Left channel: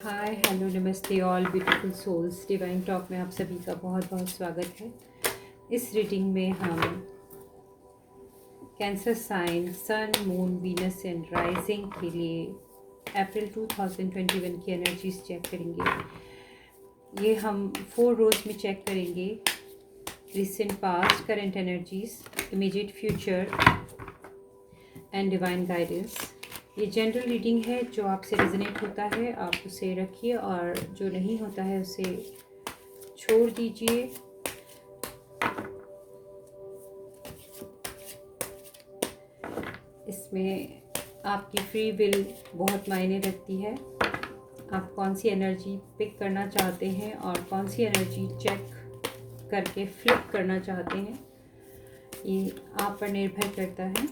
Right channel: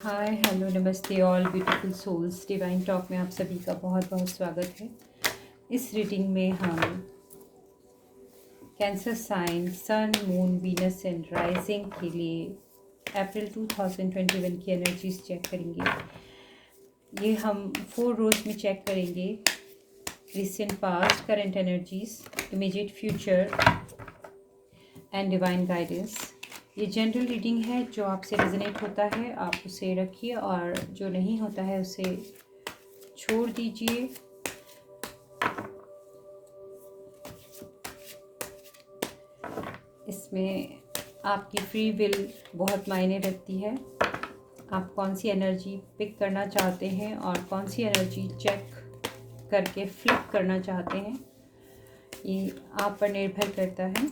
हाय hello नमस्ते all beautiful souls divine talk में आप सभी का बहुत बहुत स्वागत है। इस रीडिंग में हम cancer sign sun moon Venus and rising के लिए अप्रैल 2021 की एनर्जीज चेक करेंगे। ये हम 4 रोज में चेक करेंगे। Recent past, current energies, immediate future and divine guidance. ये जनरल रीडिंग है। जो आपसे रेजोनेट होता है आप उसे रखिए और जो नहीं होता है उसे छोड़ दीजिए। इसमें आपकी फ्री विल बहुत मायने रखती है। आप कौन सी एनर्जी पिक करना चाहते हैं और कौन सी एनर्जी चेक करके फ्लिप करना चाहते हैं, ये आप पर निर्भर करता है।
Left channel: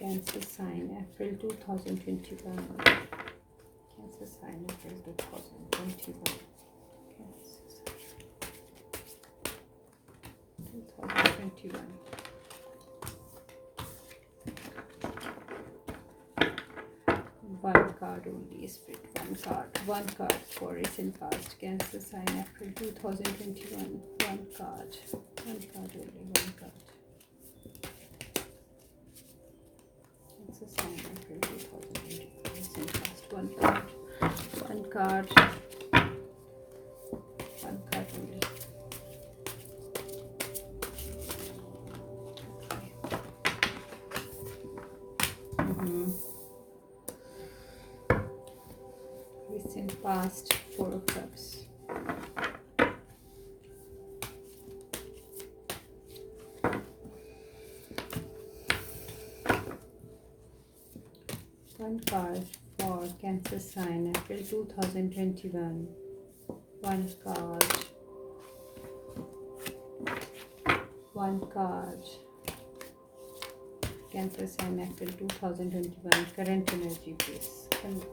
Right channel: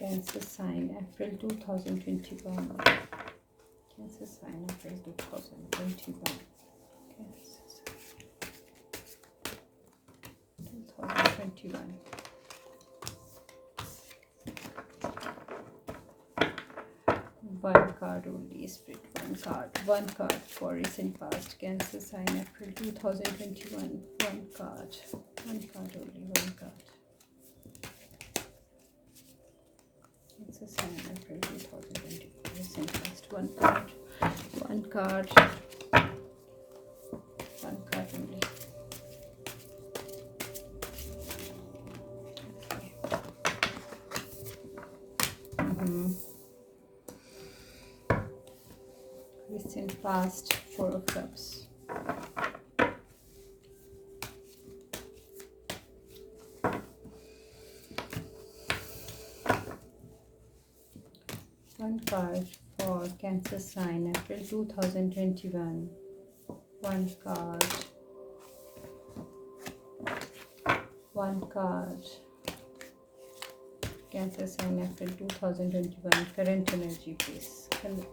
Cancer sign April 2021. Cancer sign April 2021. Cancer sign 2021. One card only, spirit. One card for recent past. Cancer sign April 2021. One card only. One card. Cancer sign April 2021. Recent past. One card. One card only. Recent past, Four of Cups. One card for Cancer sign April 2021. One card. One card. Cancer sign April 2021. Current energy, please. Current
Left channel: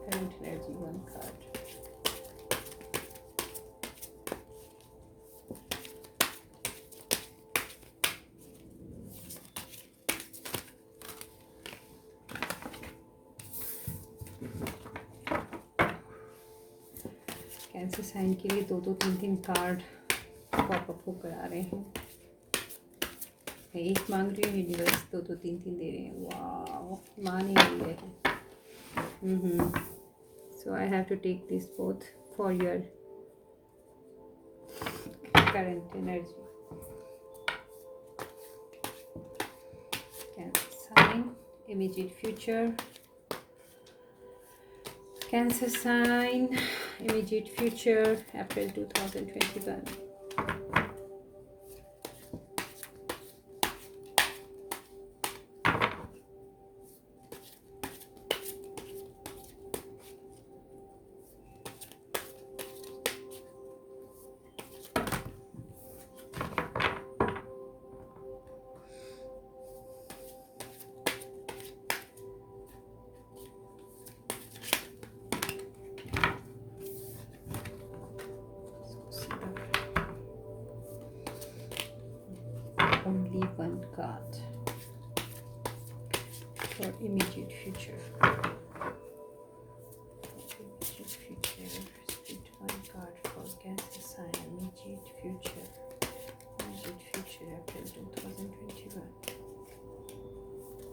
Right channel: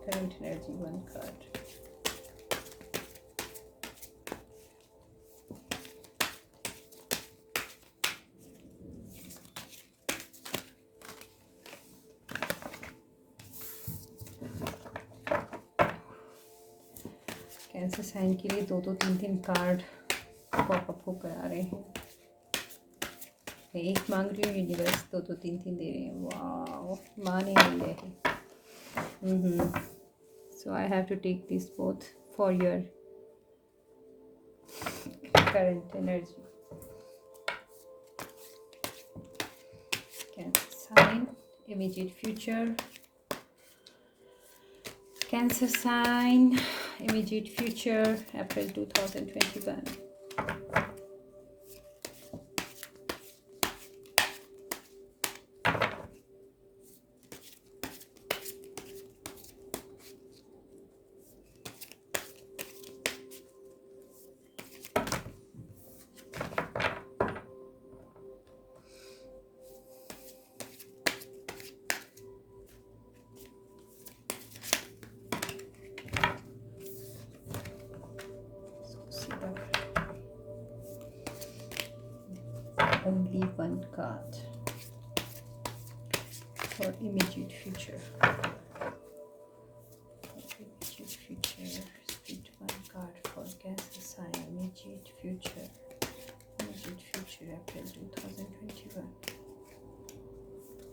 energy. One card. Cancer sign के लिए दो तीन card popup होकर आ रहे हैं। एक मांग रही हूँ, यूनिवर्स दो तीन दे रहे हैं। वाह, मान ही नहीं रहे। So I have to take this both for your current energy. Cancer sign, immediate future. Cancer sign, immediate future, April 2021. Only one card for immediate future. Immediate future. Split one card for Cancer sign. Immediate future. Immediate future. April 2021.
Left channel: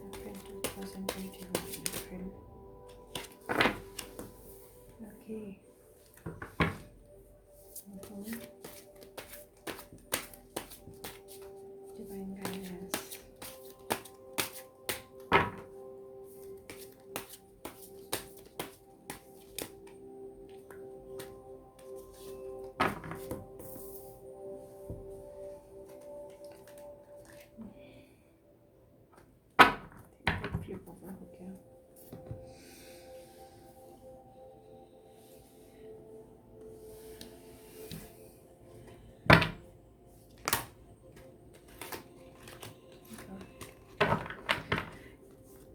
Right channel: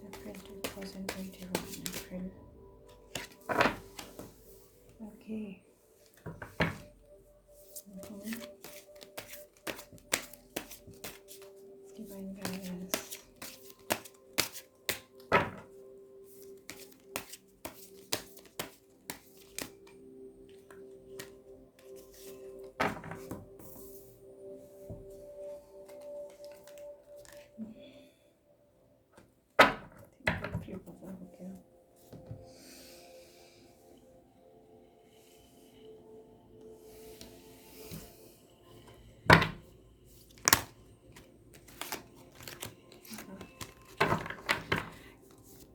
April 2021. April. Okay. Divine guidance.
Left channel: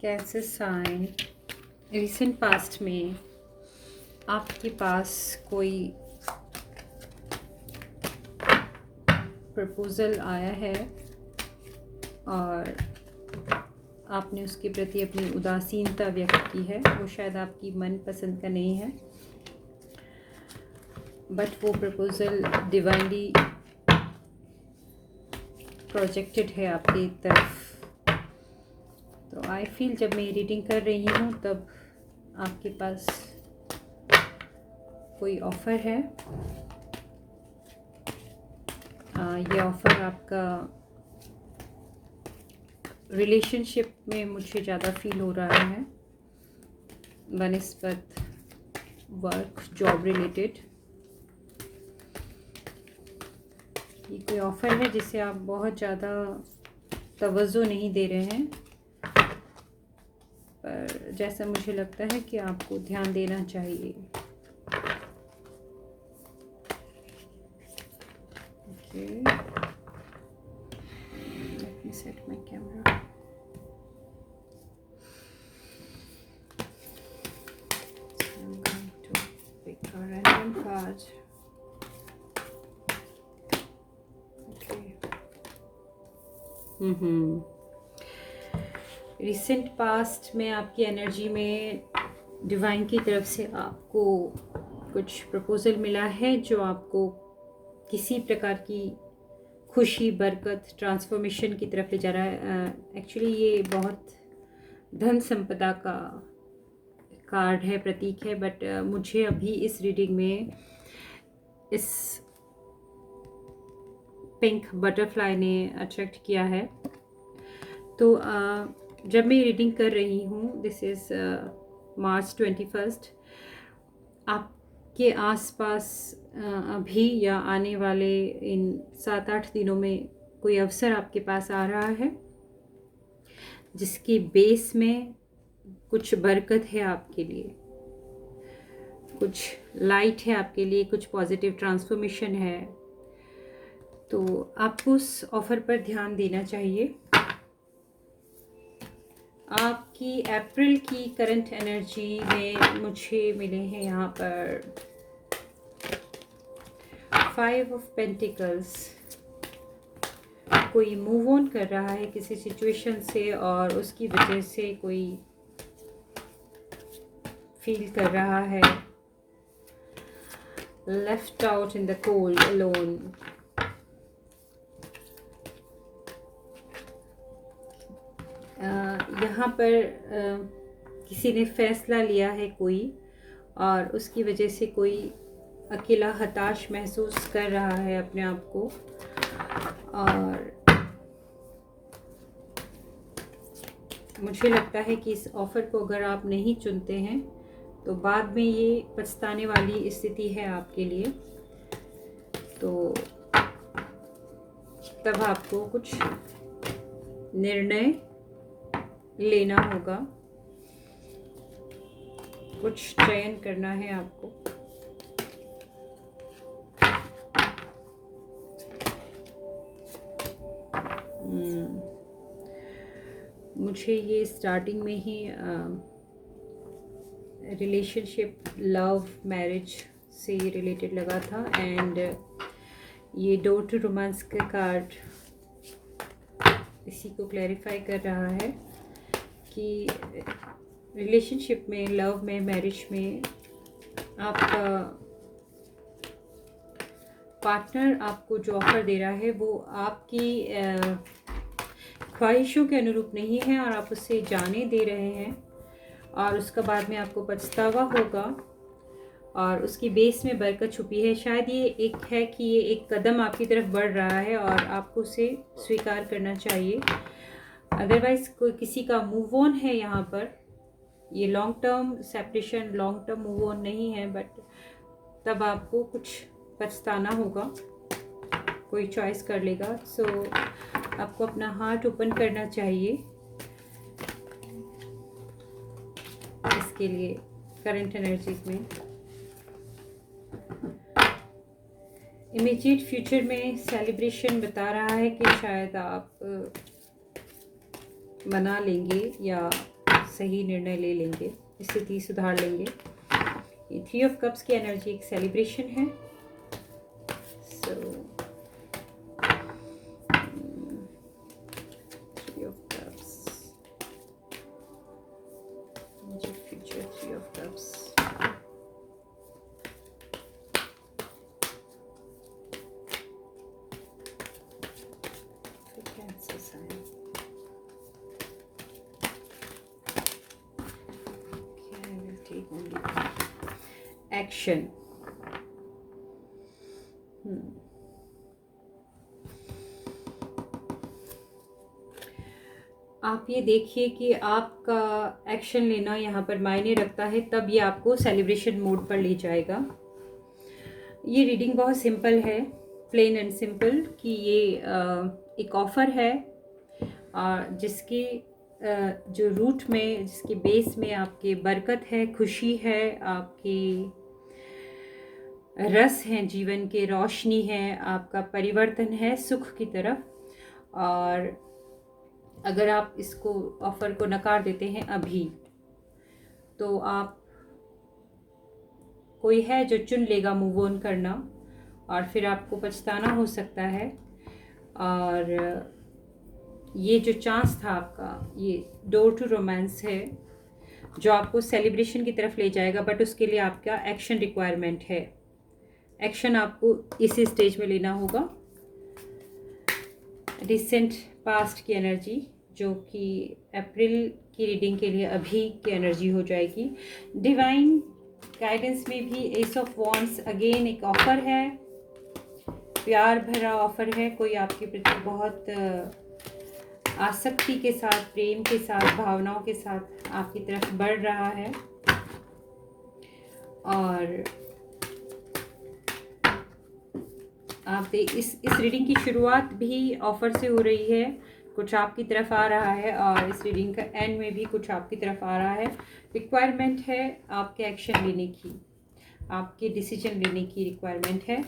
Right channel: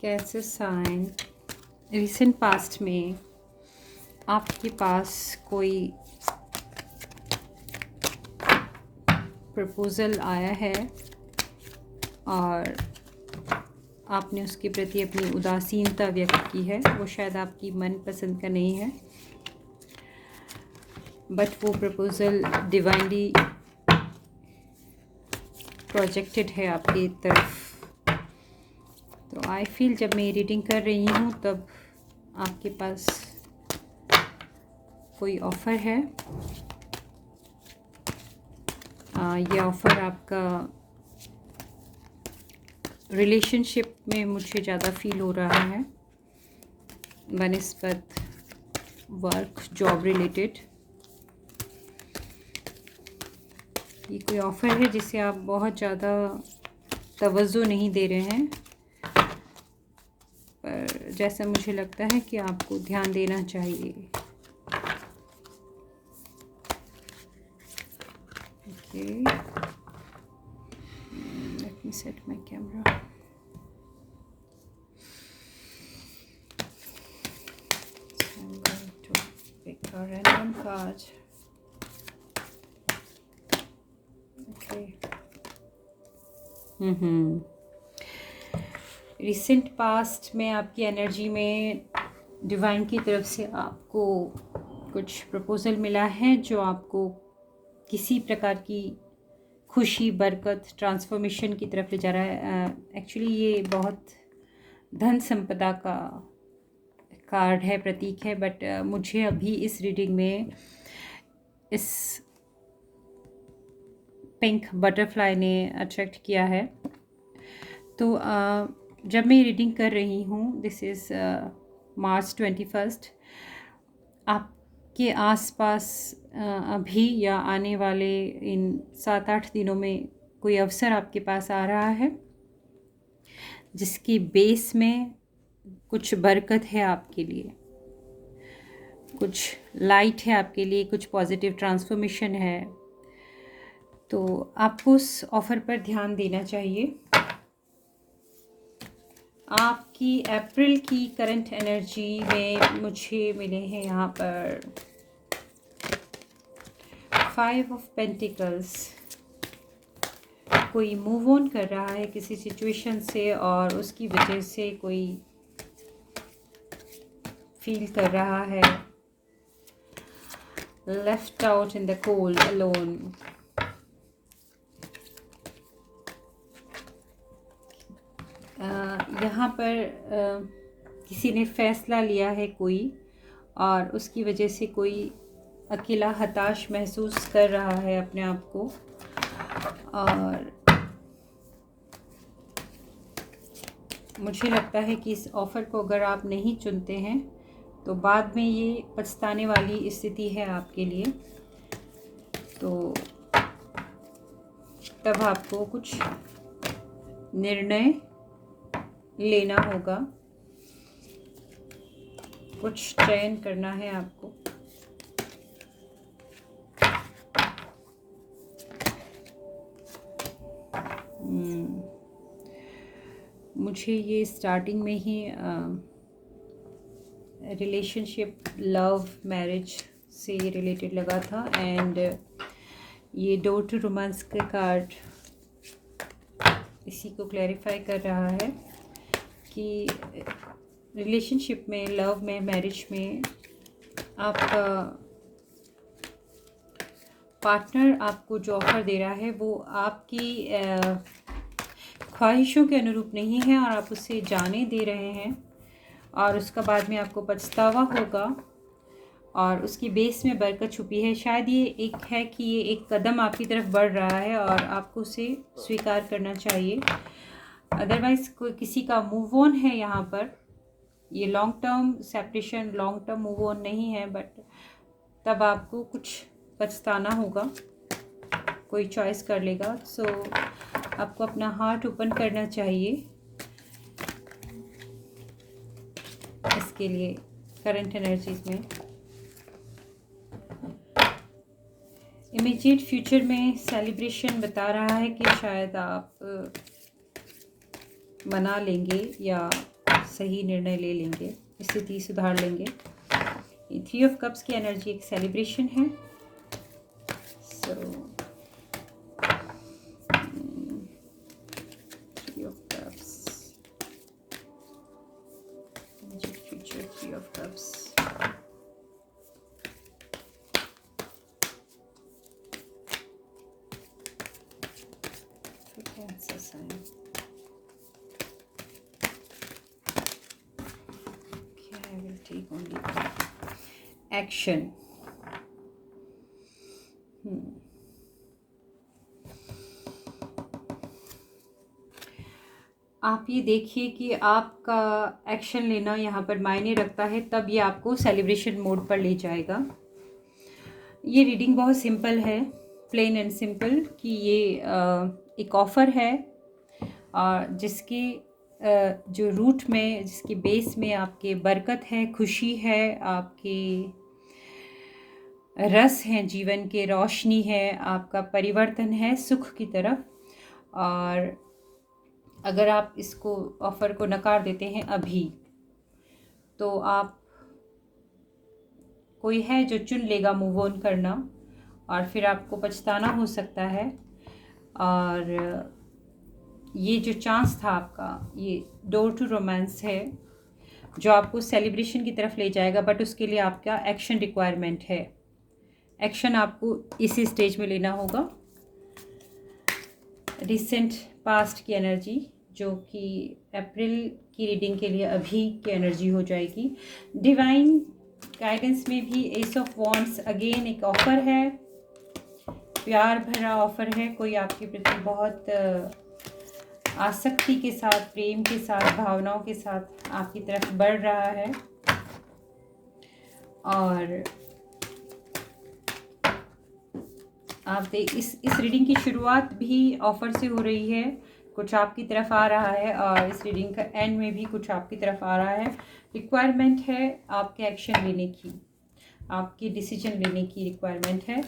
Cancer sign, recent past में आपके पास कोई proposal आया है और आपने उसके प्रति अपनी उदासीनता व्यक्त की है, वो शायद आपकी मनपसंद का नहीं है, बट वो प्रपोज़ल डिवाइनली प्रोजेक्टेड है आपकी तरफ। तो आई फील जब मैं रीडिंग कर रही हूँ तब आपके पास कोई ऑफ़र है। ये ऑफ़र आपका रिलेशनशिप में मुझे ज़्यादा फील हो रहा है, बनिस्बत वर्क जॉब रिलेटेड। ये कोई ऑफ़र है जिसे आप बहुत ज़्यादा तवज्जो नहीं दे रहे हैं, पर जैसा मुझे लगता है कि आपको ध्यान देना चाहिए। Okay, let me set my camera. I'm going to pick a random card. Recent past में आपकी एनर्जी में डिवाइन की तरफ से आपको कुछ प्रपोज़ल मिला है जो आपको किसी प्रकार की खुशी, बरकत, ट्रांसफॉर्मेशन की तरफ ले जा रहा है। एक्चुअली ये बहुत धन संपदा का कार्ड है, प्रतीक है, बट मुझे अभी इस रीडिंग में इस पिंक बटरफ्लाई ने अट्रैक्ट किया है। तो जब मैं रीडिंग कर रही हूँ, दिस इज़ मार्च 21, आपके आसपास अभी या आने वाले इन 7-8 दिनों में कोई अवसर आपके पास आ रहा है जिसकी बेस में कुछ बरकत है आपके लिए, कुछ लाइट है आपके लिए, कुछ पॉजिटिव ट्रांसफॉर्मेशन है। तो आपको उस ऑफ़र पर ध्यान देना चाहिए। आपकी अप्रैल की करंट एनर्जी में मुझे मिले हैं यहाँ पर 5 ऑफ पेंटिकल्स। कोई मूव ऑन कर रहा है किसी सिचुएशन से और उसकी वजह से कोई फील कर रहा है left out in the cold alone. यहाँ पर किसी ने फैसला लिया है कोई, और उसकी वजह से कोई अकेला हताश महसूस कर रहा है अपने आप को, और मुझे लगता है कि इस ऑफ़र को अगर आप नहीं चुनते हैं तो बाद में ये पछताने वाली स्थिति है आपके लिए। तो तब आपको कुछ निर्णय लेना होगा, कुछ चयन करना है आपको। मुझे ये स्टार्टिंग में ही रिलेशनशिप, लव, मैरिज से रिलेटेड लगा था, एंड ये डोर टू रोमांस का कार्ड इसी को क्लैरिफाई कर रहा है कि रिलेशनशिप में, लव में, मैरिज में आपका पार्टनर आपको जो ऑफ़र दे रहा है वो आपकी ख्वाहिशों के अनुरूप नहीं है, और आप उसे जाने दे रहे हैं, और उसका बाद में आपको पछतावा होगा, और उसकी बेस में बरकत छुपी है। शायद ये एक है कि ये एक कदम आपकी तरफ बढ़ रहा है और आपको उसे स्वीकार करना चाहिए। अदरवाइज़ कोई किसी का मूव ऑन है यहाँ पर। ये long term separation, long term move on नहीं है, बट तब आपको कुछ पछताना होगा, कोई चॉइस कर लेगा। सो आपको अपना हार्ट ओपन करना चाहिए इसके लिए करंट एनर्जीज में। इमीडिएट फ्यूचर में सेलिब्रेशन बता रहा है कि शायद आप मना लेंगे या सही निर्णय ले लेंगे, स्थिति सुधार लेंगे। ये 3 ऑफ कप्स की एनर्जी एक सेलिब्रेशन है। सो 3 ऑफ कप्स, ओनली। एक्शन। आप ये देखिए कि आपका एक्शन लेना यहाँ पर मायने रखता है, तब ये आपको सेलिब्रेशन मोड पर ले जाएगा। ये रीडिंग बहुत सिंपल है, प्लेन एंड सिंपल, कि ये एक ऑफ़र है और जिसके जो रूट में, जिसके बेस में आपके बरकत है, खुशी है, आपके रस हैं जीवन के, रोशनी है, आपका परिवर्तन है सुख की तरफ। और अगर आप इसको ऑफ़र को नकार देते हैं अभी, तो आप, कोई है जो चुन लेगा मूव ऑन करना, और फिर आपको पछताना हो सकता है। और ये जो चांस था आपका, ये डोर टू रोमांस है जो आपको सेलिब्रेशन की तरफ ले जाएगा, बट उसके लिए आपका एक्शन रिक्वायरमेंट है। एक्शन आपको इसी स्टेज में लेना होगा। रिसेंट पास्ट की एनर्जी, जो कि अप्रैल की रीडिंग के लिए अभी की एनर्जी हो जाएगी। डिवाइन गाइडेंस में भी एस ऑफ वॉन्ड्स अगेन एक ऑफ़र है, प्यार भरा ऑफ़र है। कोई आपके प्रति बहुत आसक्ति के साथ, प्रेम के साथ, भावनाओं के साथ आपकी तरफ बढ़ रहा है। और आप इस रीडिंग की शुरुआत भी ऑफ़र से हो रही है, कुछ आपकी तरफ आ रहा है, और इस रीडिंग का एंड में भी कुछ आपकी तरफ आ रहा है। रिक्वायरमेंट है आपके एक्शन लेने की, आपके डिसीजन लेने की रिक्वायरमेंट है।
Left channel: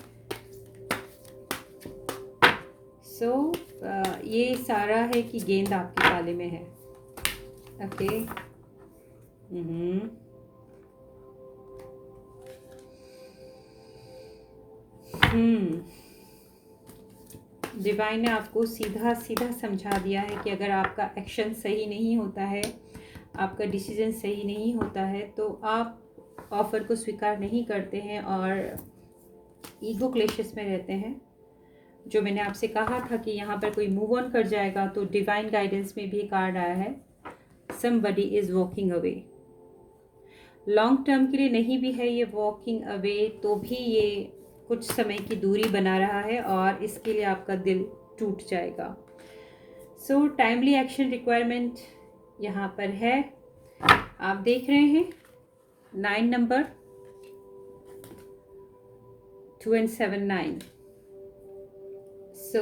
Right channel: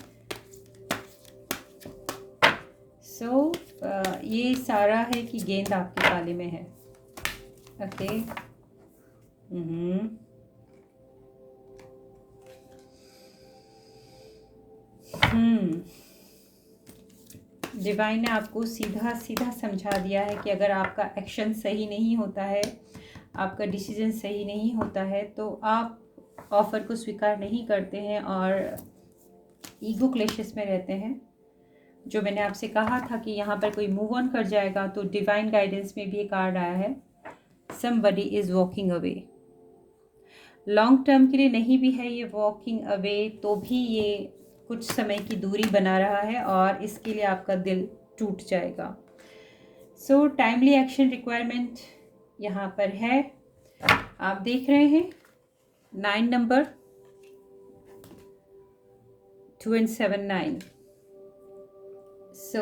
सो ये सारा है कि गेंद आपके ताले में है। ओके। डिवाइन ने आपको सीधा सीधा समझा दिया है कि अगर आपका एक्शन सही नहीं होता है, आपका डिसीजन सही नहीं होता है, तो आप ऑफ़र को स्वीकार नहीं करते हैं और ईगो क्लेशेस में रहते हैं। जो मैंने आपसे कहा था कि यहाँ पर कोई मूव ऑन कर जाएगा, तो डिवाइन गाइडेंस में भी एक कार्ड आया है, somebody is walking away. Long term के लिए नहीं भी है ये वॉकिंग अवे, तो भी ये कुछ समय की दूरी बना रहा है और इसके लिए आपका दिल टूट जाएगा। सो टाइमली एक्शन रिक्वायरमेंट यहाँ पर है। आप देख रहे हैं 9 नंबर 2 and 7 9। सो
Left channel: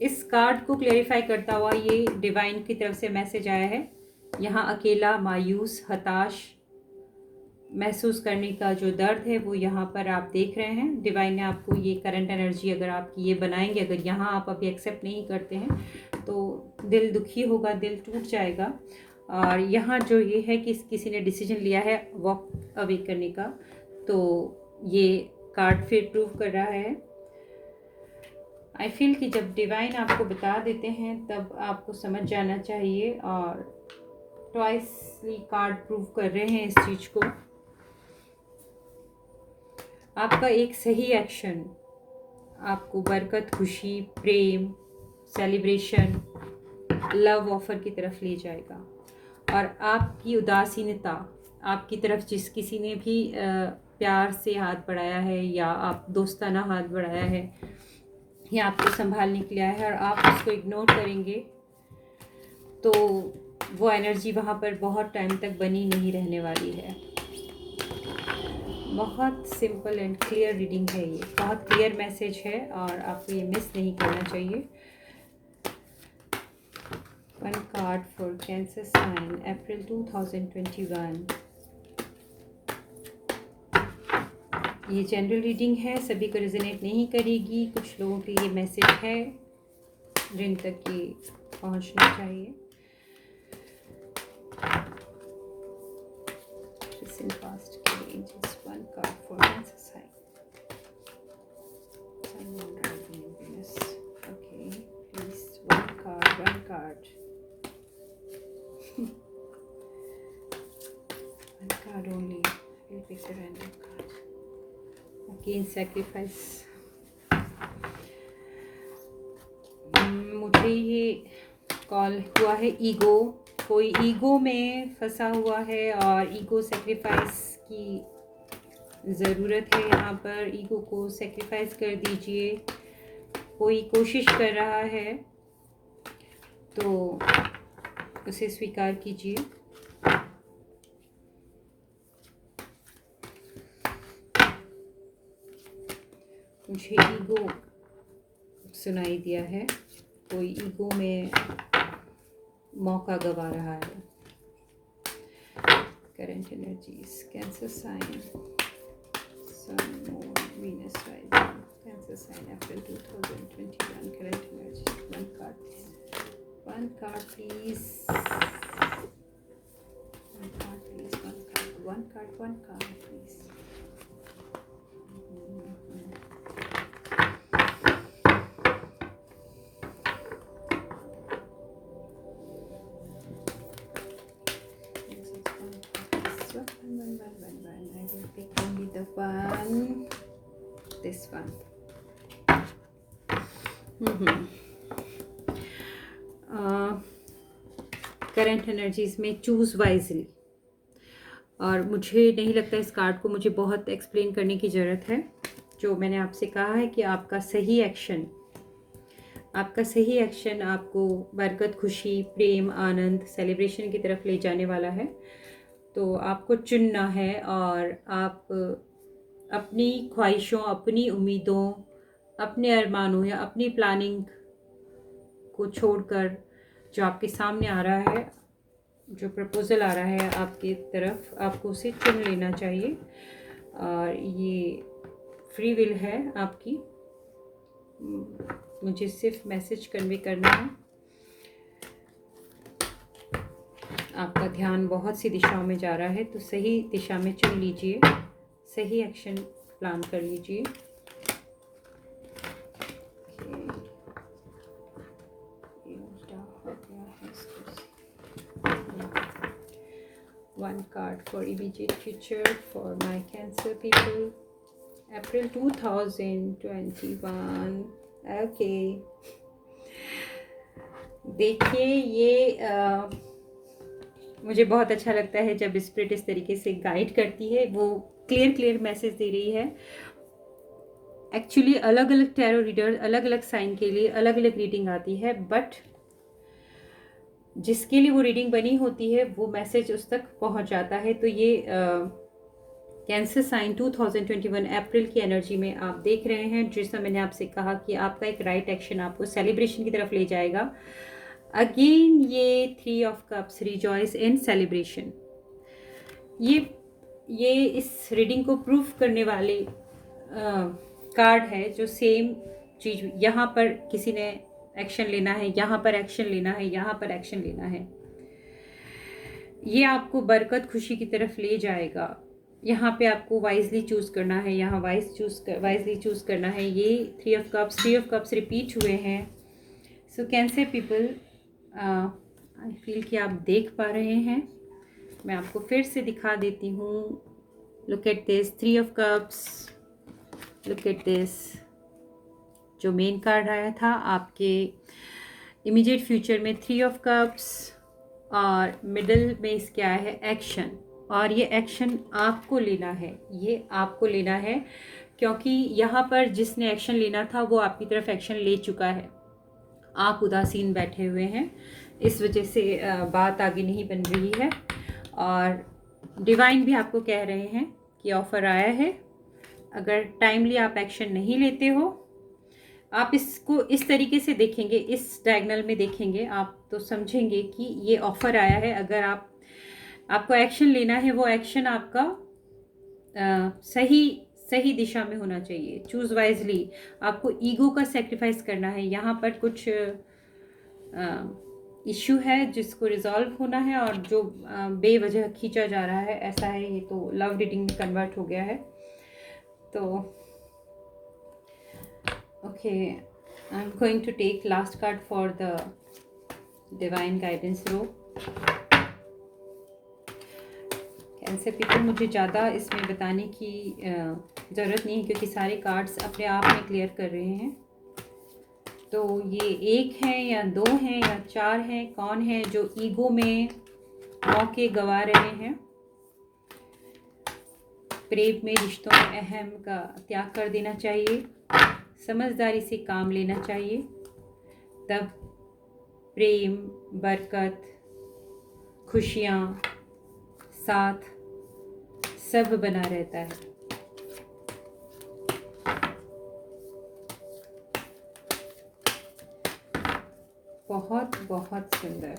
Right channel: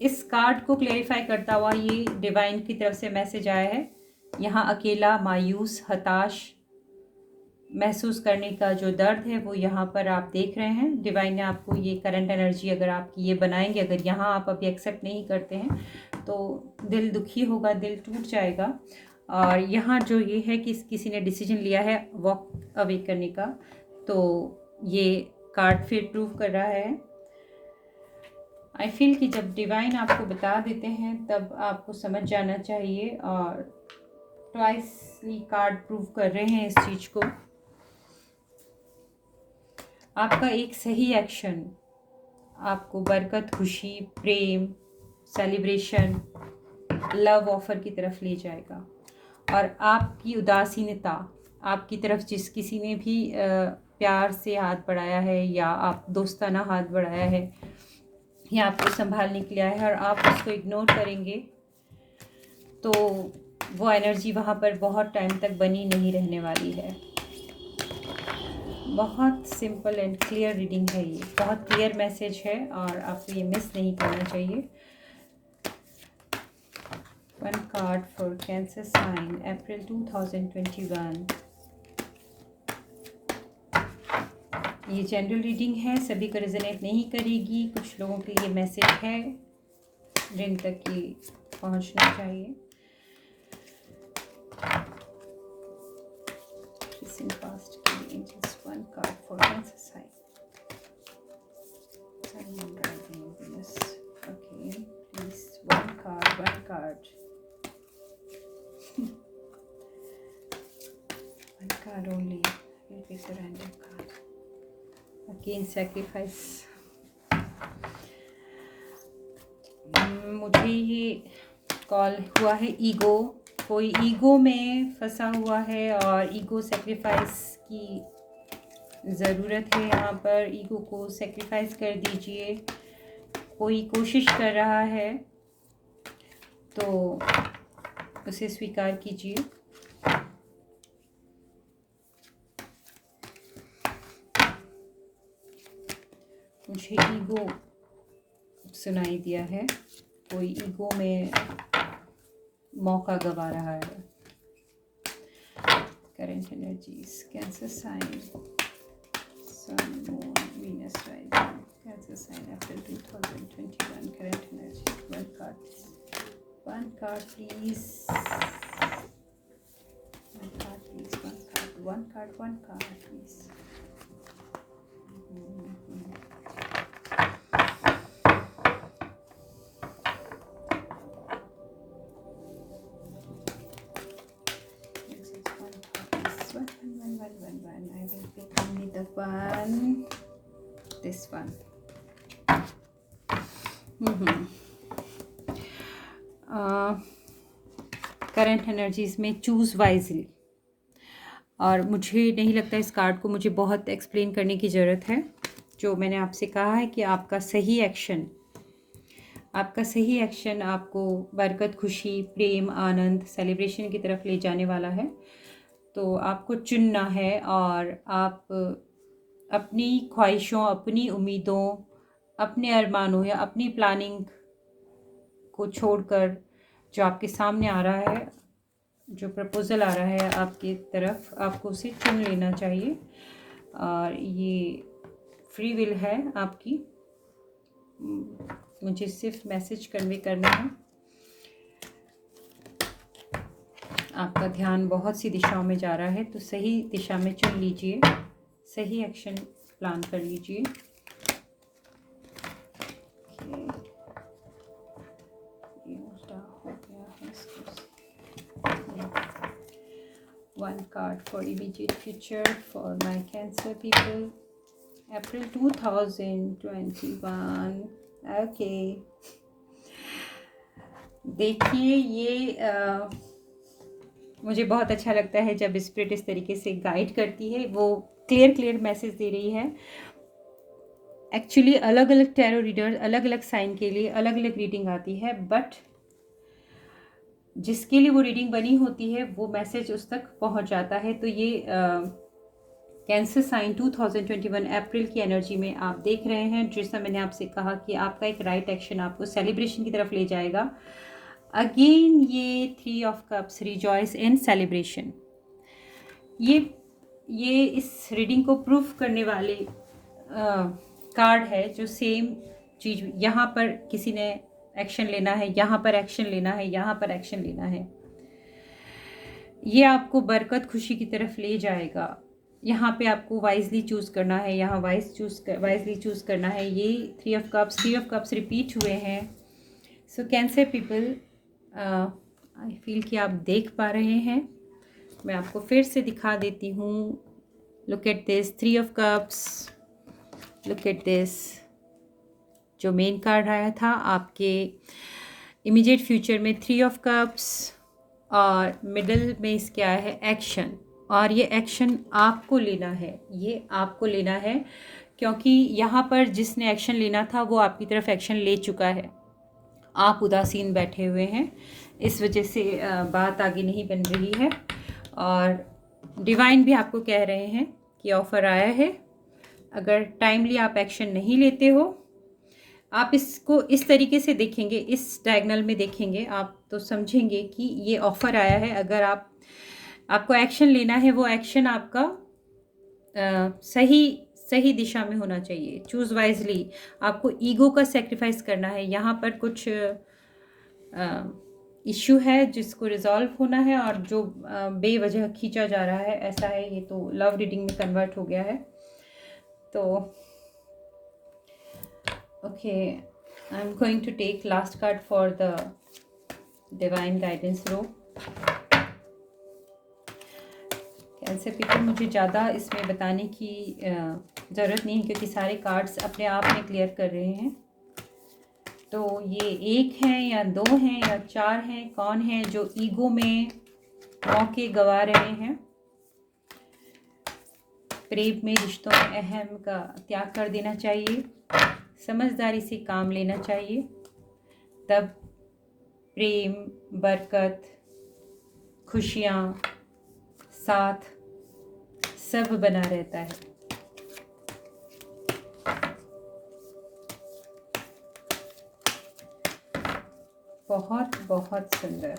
इस कार्ड को क्लेरिफाई करता हुआ ये डिवाइन की तरफ से मैसेज आया है। यहाँ अकेला, मायूस, हताश महसूस करने का जो दर्द है वो यहाँ पर आप देख रहे हैं। डिवाइन ने आपको ये करंट एनर्जी अगर आपकी ये बनाएंगे, अगर यहाँ आप अभी एक्सेप्ट नहीं करते हैं तो दिल दुखी होगा, दिल टूट जाएगा। और यहाँ जो ये है कि किसी ने डिसीजन लिया है वॉक अवे करने का, तो ये कार्ड फिर प्रूव कर रहा है। आई फील कि जब डिवाइन आपको बता देते हैं तब आपको समझ जाना चाहिए, और ट्वाइसली कार्ड प्रूव कर रहे हैं इस चीज़ को। आपका एक सही एक्शन आपको बरकत, खुशी, प्रेम, सेलिब्रेशन, लव ऑफर की तरफ ले जाएगा। और आपकी उदासीनता, आपकी तरफ जिस किसी ने भी प्यार से हाथ बढ़ाया है या आप दोस्ताना हाथ बढ़ाया है या आपको संभालने के लिए आया है और आप उसको इग्नोर करेंगे, तो वो एनर्जी वहाँ पर बहुत टाइम तक बनी नहीं रहने वाली है। बहुत सिंपल एंड क्लियर रीडिंग है ये, बहुत क्लियर मैसेज है और आपको ये मिस नहीं करना चाहिए। 1 card for cancer sign, April 2021। ये जनरल रीडिंग है, सभी को रेजोनेट नहीं करेगी। कुछ लोगों के लिए मैसेज है जिन तक ये पहुंचना चाहिए। Past के लिए just 1 card for Cancer sign. Sun, Moon, Rising, and Venus. Okay, please 1 card, 1 card. 1 card only. We'll pick the random card. Again, sacrifice. मुझे ये कॉल हुआ है ईगो, कोई ईगो में फंसा हुआ है और ईगो सेक्रीफाइस की ज़रूरत है। यहाँ पर ईगो को सेक्रीफाइस कर दीजिए। कोई कोशिश कर रहा है तो उसे स्वीकार कीजिए। मुझे ईगो सुनाई दिया है, कोई ईगो में मौका गवा रहा है। Current energies, cancer sign, sun, moon, Venus rising, cancer sign, April 2021, current energy. One card please, one card please. This one. Current energies में चूज़ वाइजली। और मुझे नहीं लगता इस कार्ड को मुझे बहुत एक्सप्लेन करने की ज़रूरत है। जो मैंने आपसे कहा है कि आपका सही एक्शन आपको बरकत, खुशी, प्रेम, आनंद, सेलिब्रेशन की तरफ ले जाने वाला है। तो आपको चुनना है और आप अपनी ख्वाहिशों, अपनी उम्मीदों, अपने अरमानों या अपनी प्लानिंग को छोड़कर जो आपके सामने आ रहा है, जो प्रपोज़ल आ रहा है आपकी तरफ, आपको उसे चुन लेना चाहिए। और ये फ्री विल है आपकी। मुझे सिर्फ मैसेज कन्वे करना है। आपका ध्यान बहुत सी दिशाओं में जा रहा है, तो सही दिशा में चुन लीजिए, सही एक्शन प्लान कर लीजिए। One card for immediate future for my Cancer people, April 2021. Okay. देखिए, ये मुझे बहुत अच्छा लगता है जब स्पिरिट इस तरीके से गाइड करती है। वो क्लियर मैसेज दे रही है। एक्चुअली अलग अलग टैरो रीडर अलग अलग साइन के लिए अलग अलग रीडिंग आती है, बट जिसके लिए वो रीडिंग बनी होती है वो मैसेज उस तक पहुंच जाता है। तो ये कैंसर साइन 2021 अप्रैल की एनर्जी में आप देख रहे हैं। जैसा मैंने आपसे कहा कि आपका एक राइट एक्शन आपको सेलिब्रेशन की तरफ ले जाएगा। अगेन ये 3 of cups, rejoice in celebration. ये इस रीडिंग को प्रूफ करने वाले कार्ड है। जो सेम चीज़, यहाँ पर किसी ने एक्शन लेना है, यहाँ पर एक्शन लेना है, यहाँ पर एक्शन लेना है। ये आपको बरकत, खुशी की तरफ ले जाएगा। यहाँ पे आपको वाइजली चूज़ करना है, यहाँ वाइजली चूज़ करना है। ये 3 ऑफ कप्स रिपीट हुए हैं। सो कैंसर पीपल, आई फील कि आप देख पा रहे हैं। मैं आपको फिर से दिखा देती हूँ। Look at this 3 of cups, look at this. जो मेन कार्ड आया था आपके इमीडिएट फ्यूचर में 3 ऑफ कप्स, और मिडल में इसके आया है एक्शन। और ये एक्शन आपको लेना है, ये आपको लेना है, क्योंकि यहाँ पर जिसने एक्शन लेना था वो आपकी तरफ एक्शन ले चुका है। आप उदासीन बैठे हुए हैं, इस वजह से बात आगे नहीं बन रही है। और डिवाइन भी आपको कह रहे हैं कि ऑफ़र आया है। अगर टाइमली आप एक्शन नहीं लेते हो, आप इसको इस तरीके से देखेंगे, इस डायगोनल में देखेंगे, आप तो समझेंगे कि ये ऑफ़र आया है। अगर आपको एक्शन लेना है, वो एक्शन आपका सही दिशा में होना चाहिए। Choose wisely. आपको ईगो का सेक्रीफाइस करना है। यहाँ पर कुछ इश्यू है जिसको रिजॉल्व होना है, और जो बेवजह खींचा जा रहा है, ऐसा है। ये तो लव रीडिंग में कन्वर्ट हो गया है। तो okay, I am going to take last card for the divine guidance row. Cancer people, मुझे ज़्यादा इसमें बताने की ज़रूरत नहीं, क्योंकि सारे कार्ड्स अपने आप में क्लियर कर रहे हैं। तो ये एक हैं या दो हैं या चार हैं, कौन है जो ईगो में मौके गंवा रहे हैं, प्रेम में रिश्तों में अहम का त्याग कर देना चाहिए, समझदारी से काम लेना चाहिए, तब प्रेम, बरकत, खुशियाँ, साथ सब बना रहता है। बहुत बहुत सुंदर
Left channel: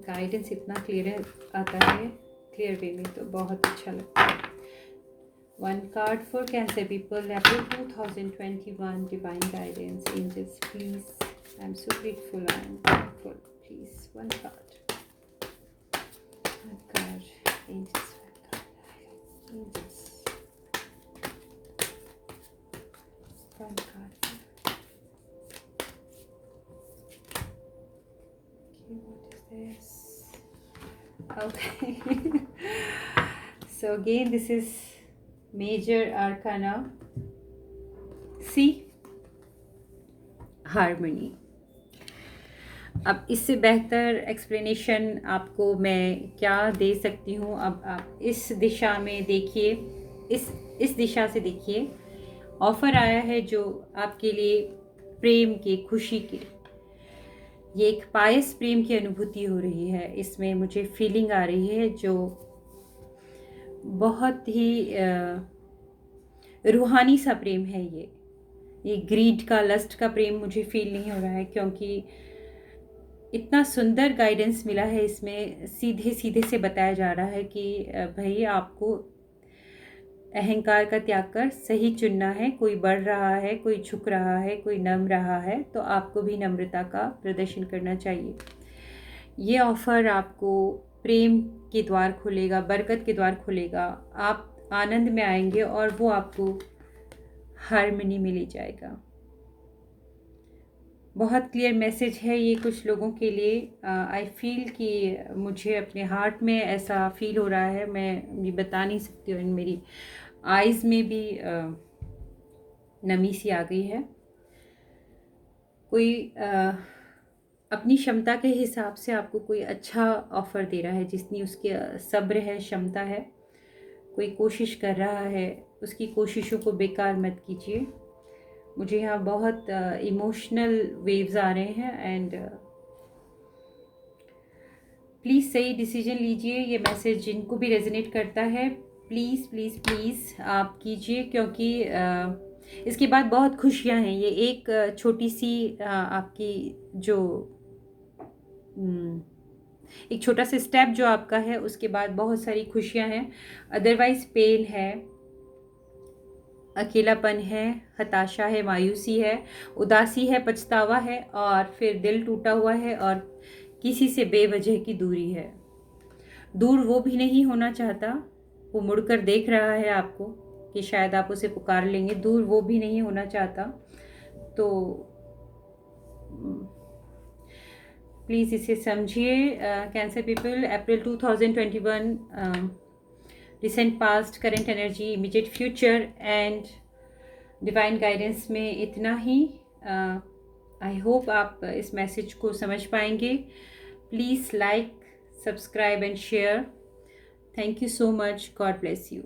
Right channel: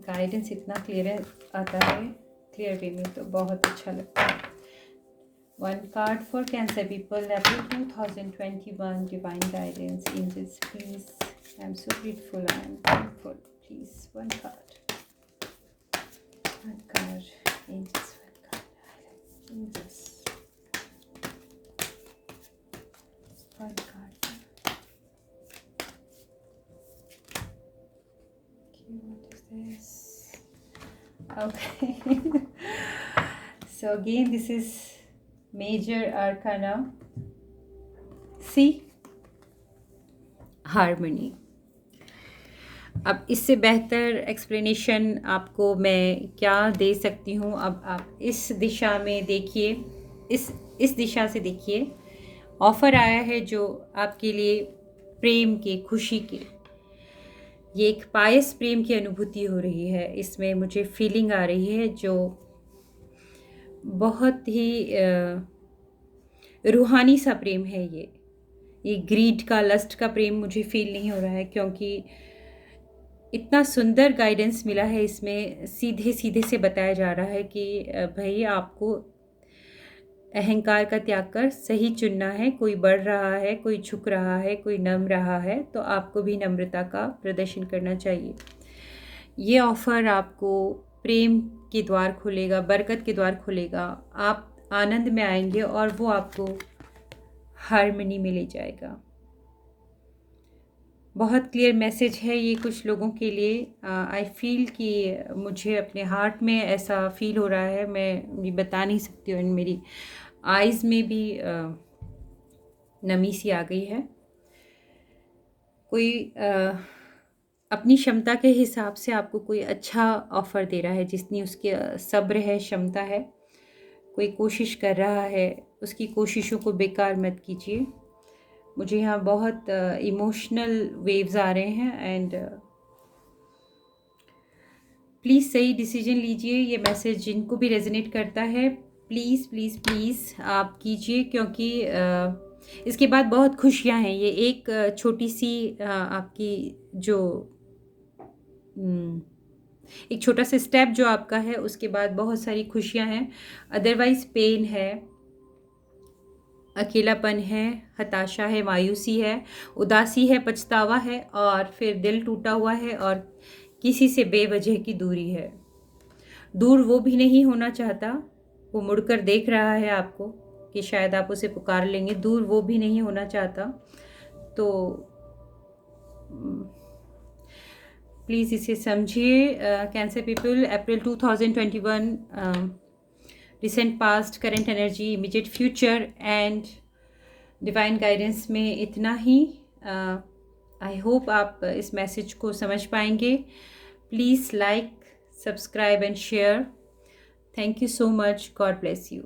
गाइडेंस, इतना क्लियर आता है, क्लियर वे में, तो बहुत अच्छा लगता है। One card for cancer people, April 2021, divine guidance, angels please, I am so grateful, I am thankful, please one card, angels, angels, one card. What is this? Okay. So again, this is major arcana. See, harmony. अब इससे बेहतर explanation आपको मैं क्या दे सकती हूँ। अब आप इस दिशा में देखिए, इस दिशा से देखिए, ऑफ़र आया है जो आपके लिए प्रेम के, खुशी के, ये एक पायस प्रेम की अनुभूति हो रही है। इसमें मुझे फीलिंग आ रही है जो बहुत ही रूहानी सा प्रेम है। ये ग्रीड का, लस्ट का प्रेम मुझे फील नहीं हो रहा है, क्योंकि इतना सुंदर गाइडेंस मिला है। इसमें सीधे सीधे से बताया जा रहा है कि भाई आपको अहंकार का त्याग कर सही चुनना है। कोई बढ़ रहा है, कोई झुक रहा है, कोई नम रहा है, तो आपको भी नम्रता का प्रदर्शन करना चाहिए। ये ऑफ़र आपको प्रेम के द्वार खोलेगा, बरकत के द्वार खोलेगा, आप आनंद में आएंगे और वो आपको हार्मनी में ले जाएगा। बहुत क्लियर मैसेज है ये कुछ लोगों के लिए। आई फील कि मुझे अपने हार्ट में ऐसा फील हो रहा है, मैं ये बता नहीं सकती हूँ। मेरी आइज़ में भी नमी सी आ गई है। कोई अपनी क्षमता के हिसाब से आपको कोई अच्छा ऑफ़र दे रहा है, जितनी उसके सब्र है, क्षमता है। कोई कोशिश कर रहा है, उसकी कोशिशों को बेकार मत कीजिए। मुझे यहाँ बहुत इमोशनल वेव्स आ रहे हैं एंड प्लीज़ सही डिसीजन लीजिए। ये मैसेज जिनको भी रेजोनेट करता है, प्लीज़ प्लीज़ प्लीज़ आप कीजिए, क्योंकि इसके बाद बहुत खुशियाँ हैं। ये एक छोटी सी आपकी जो एक छोटा सा स्टेप जो आपका है, उसके बाद बहुत सारी खुशियाँ हैं। अदरवाइज़ पेन है, अकेलापन है, हताशा है, मायूसी है, उदासी है, पछतावा है, और फिर दिल टूटा हुआ है, और किसी से बेवजह की दूरी है। दूर वो भी नहीं होना चाहता, वो मुड़कर देख रहा है आपको कि शायद आप उसे पुकार लेंगे। दूर वो भी नहीं होना चाहता। तो प्लीज़ इसे समझिए। Cancer people, April 2021, recent past, current energy, immediate future and divine guidance में इतना ही। आई होप आप इस मैसेज को समझ पाएंगे। Please like, subscribe and share. Thank you so much. God bless you.